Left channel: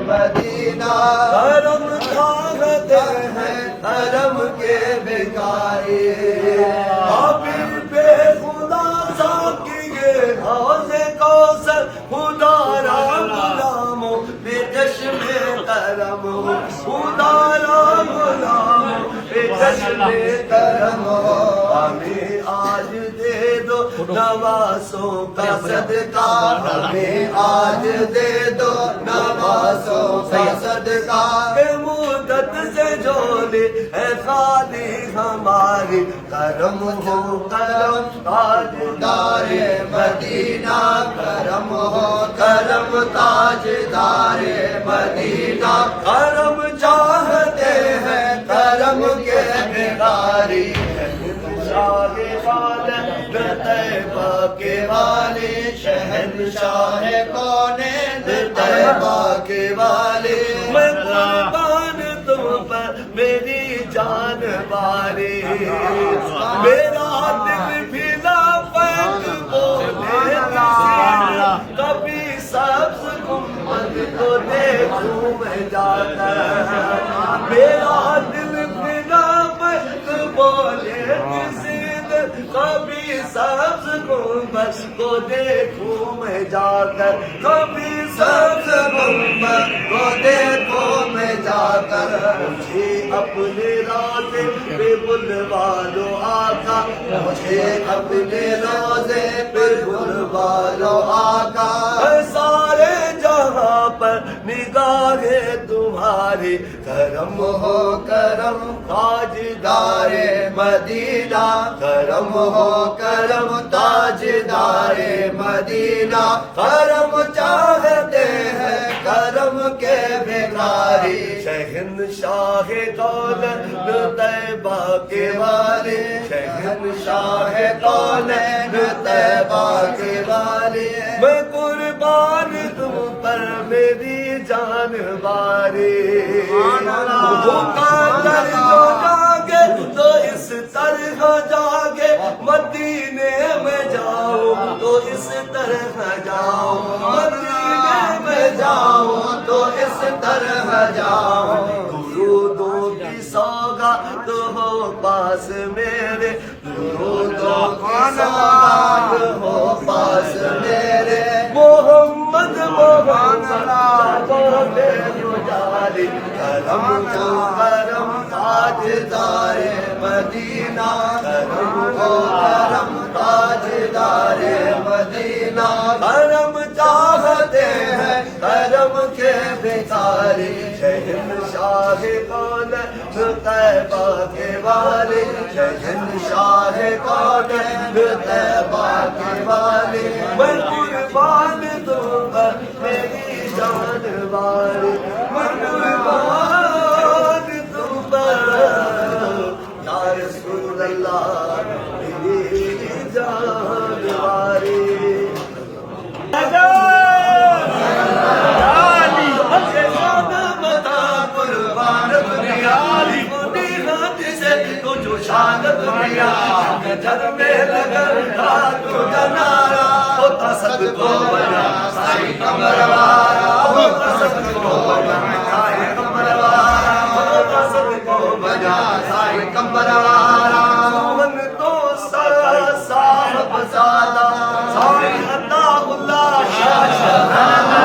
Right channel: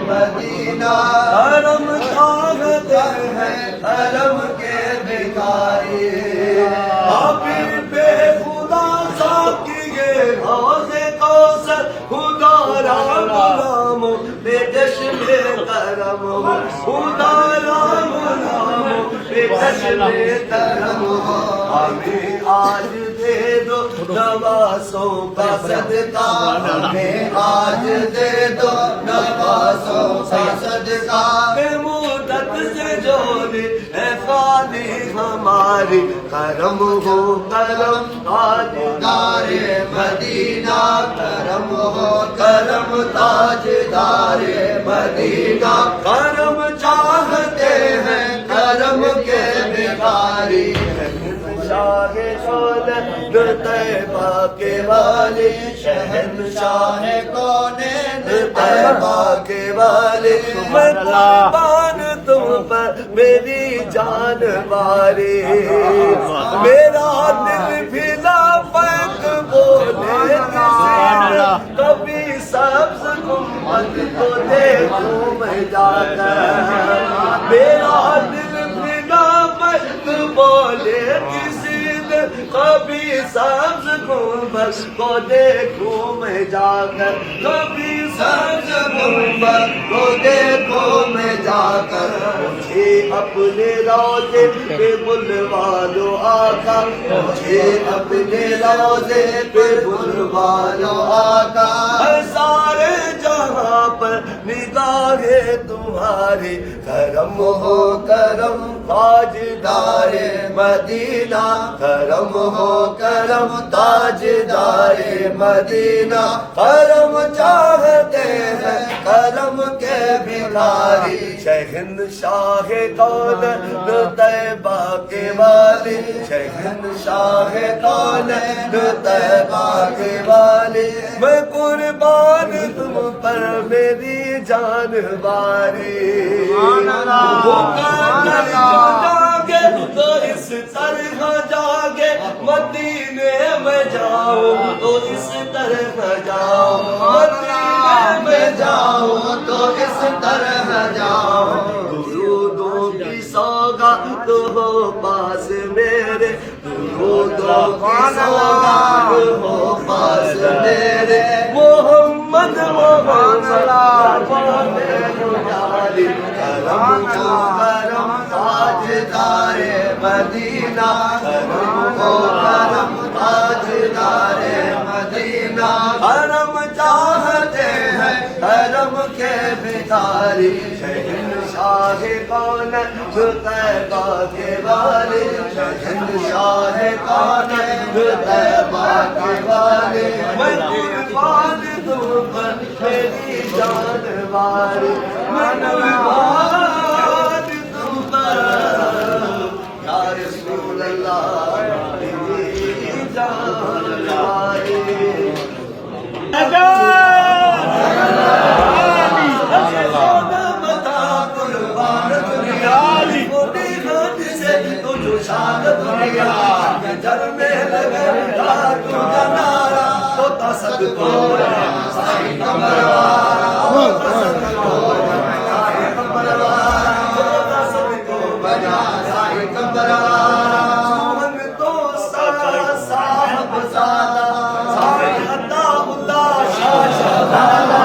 مدینہ کرم چاہتے ہیں کرم کے بھکاری حبیب خدا ساقیے حوض کوثر خدا را غلام بے چشم کرم خدا را غلام بے چشم کرم ہمیں آج دے دو نوازوں کا صدقہ ہمیں آج دے دو نوازوں کا صدقہ کہ مدت سے جھولی ہے خالی ہماری کرم ہو کرم تاجدار مدینہ کرم ہو کرم تاجدار مدینہ کرم چاہتے ہیں کرم کے بھکاری شاہ خالد طیبہ کے والے شہنشاہ کونین طیبہ کے والے میں قربان تم پر میری جان بارے میرا دل بھی لبیک بولے سبحان اللہ کبھی سبز گنبد کو دیکھوں میں جا کر میرا دل بھی لبیک بولے کبھی سبز گنبد کو دیکھوں میں جا کر کبھی سبز گنبد کو دیکھوں میں جا کر مجھے اپنے روضے پہ بلوا لو آقا مجھے اپنے روضے پہ بلوا لو آقا سارے جہاں پر نگاہیں تمہاری کرم ہو کرم تاجدار مدینہ کرم ہو کرم تاجدار مدینہ کرم چاہتے ہیں کرم کے بھکاری شہنشاہ کونین طیبہ کے والے شہنشاہ کونین طیبہ کے والے میں قربان تم پر میری جان بارے بھوکا کر جو جاگے تو اس طرح جاگے مدینے میں جاؤ تو اس طرح جاؤ مدینے میں جاؤ تو اس طرح جاؤ درودوں کی سوگات ہو پاس میرے درودوں کی سوگات ہو پاس میرے محمد کرم کو کرم تاجدار مدینہ کرم کو کرم تاجدار مدینہ کرم چاہتے ہیں کرم کے بھکاری شہنشاہ کونین طیبہ کے والے شہنشاہ کونین طیبہ کے والے میں قربان دوں پر میری جان بارے میں قربان تم پر یا رسول اللہ میری جان بارے قربان دنیا جو شان دنیا جن میں لگا تو جنارا ہوتا سب کو بنا سائی کمروارا ہوتا سب کو بنا سائی کمروارا ہوتا سب کو بنا سائی کمروارا سوہن تو صاحب زادہ سائی عطا اللہ شاہ شہزادہ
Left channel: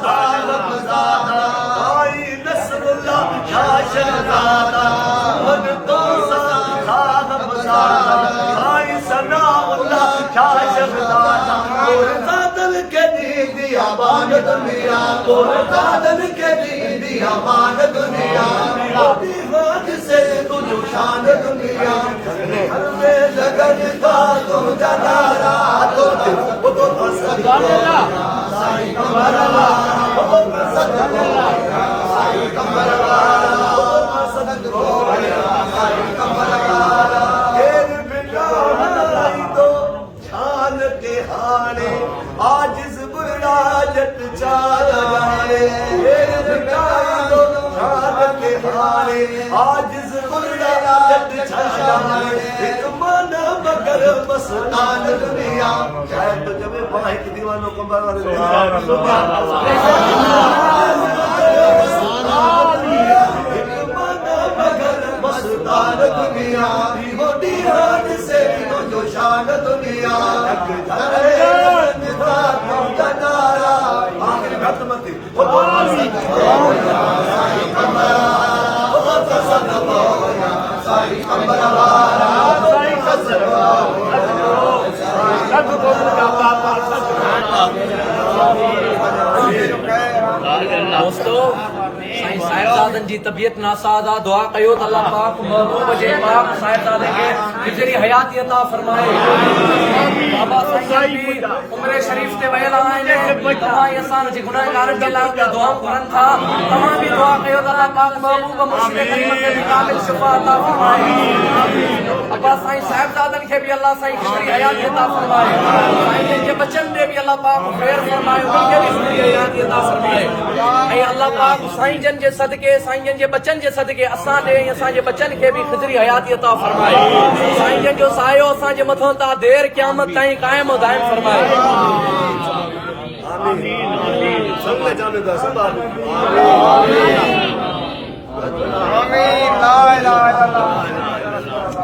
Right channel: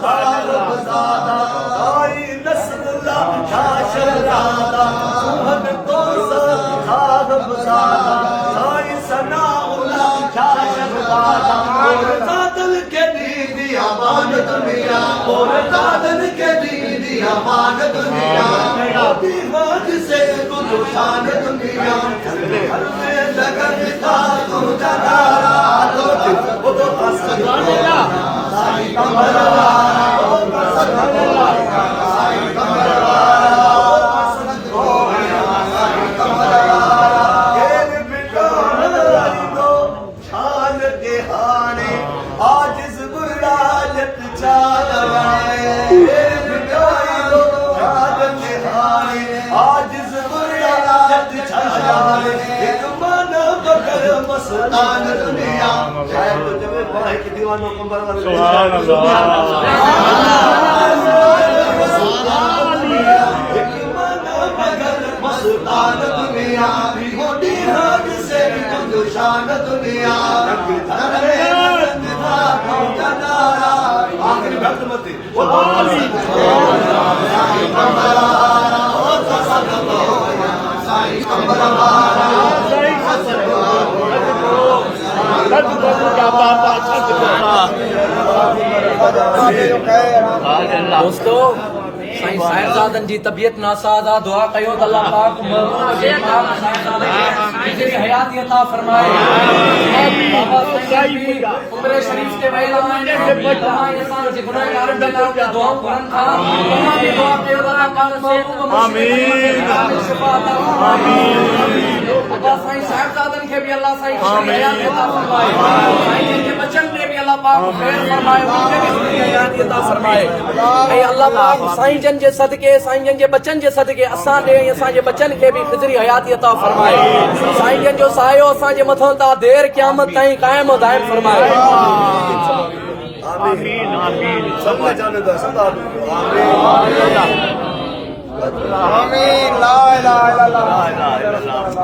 صاحب زادہ سائی نصر اللہ شاہ شہزادہ سوہن تو صاحب زادہ سائی ثناء اللہ شاہ شہزادہ اور زادن کے دی دیا بان دنیا اور زادن کے دی دیا بان دنیا ابھی ہاتھ سے تجھ شان دنیا گھر میں لگن تھا تم جنارا تو سبحان اللہ سائی کمر والا سبحان اللہ سائی کمر والا سب کو سائی کمر والا ایک بیٹا لائی دو شان کے ہانے عاجز برا جت چالے ایک بیٹا دو شان کے ہانے عاجز برا جت چالے ایک من گئے مستان دنیا شاید تجھ میں باہر دیوانوں کمبر والے مستان دنیا ہوتی راج سے تو شان دنیا آخری بھرت مت دوستو سائیں صاحبزادن جی طبیعت ناسادہ دعا کیو تو اللہ پاک محبوب جے پاک صاحبزادے کے گزری حیاتی عطا فرمائے بابا سائیں جی عمر شریف کے ویلا آئے تمام انسان جے گناہگارن کے لاؤ کے دعا کرن تھا تمام بھی دعا کیو تو اللہ پاک محبوب مرشد کریم کے کامل شفا عطا فرمائے بابا سائیں صاحبزادن کے بھی اللہ سائیں گزری حیاتی عطا فرمائے سائیں کے بچن دے بھی اللہ پاک خیر فرمائے ان کے بھی گزری حیاتی عطا فرمائے اے اللہ پاک سائیں جن جے صدقے سائیں جن جے بچن جے صدقے اساں دے اساں جے بچن کے بھی خضری حیاتی عطا فرمائے سائیں جن جو سایو اساں جے متھوں تا دیر قیامت تائیں قائم و دائم فرمائے آمین آمین سب جاندا سب آمین لا الہ الا اللہ